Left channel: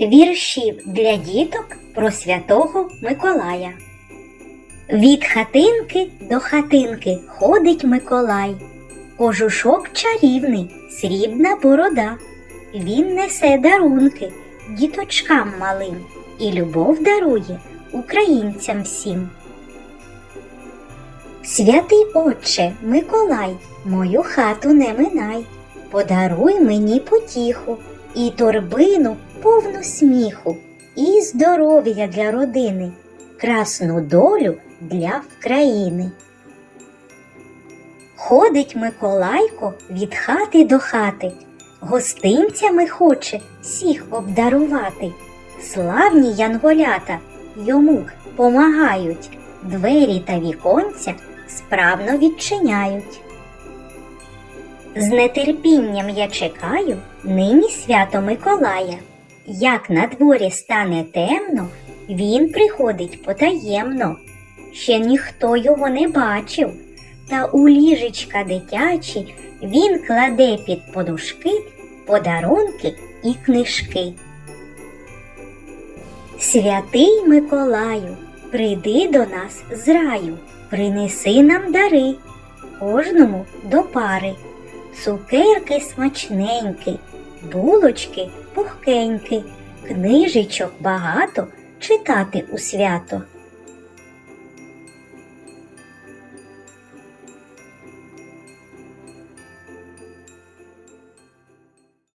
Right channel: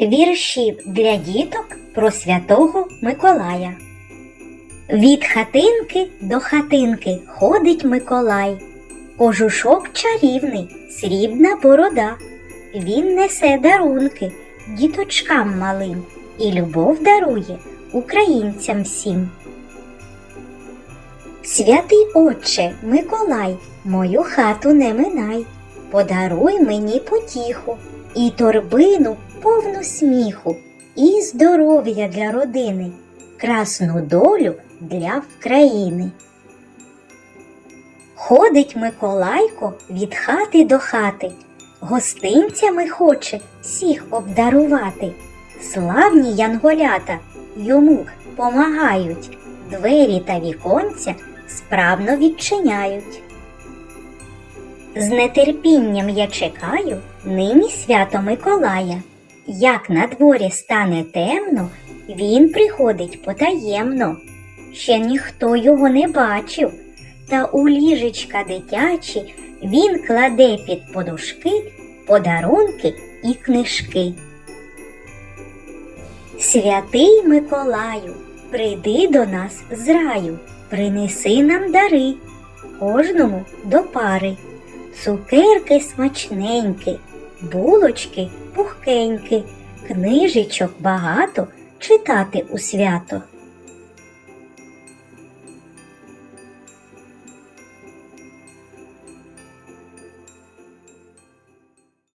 Віршів для діток про святого Миколая. Від хатинки до хатинки ходить Миколай. Кожушок чарівний, срібна борода. Він несе дарунки діточкам малим і любов дарує українцям всім. Святий Отче Миколай, мою хату не минай, подаруй мені потіху і торбину повну сміху, і здоров'я для родини, красну долю для країни. Ходить Миколайко від хати до хати, гостинцями хоче всіх обдарувати. Славні янголята йому помагають, двері та віконця справно відчиняють. З нетерпінням я чекаю нині свято Миколая. Як на дворі стане темно, він приходить потаємно. Ще ніхто його не бачив, та у ліжечка дитячі він кладе під подушки подарунки і книжки. Святий Миколаю, прийди до нас з раю, принеси нам дари, кожному до пари, цукерки смачненькі, булочки пухкенькі, книжечок багато читати у свято.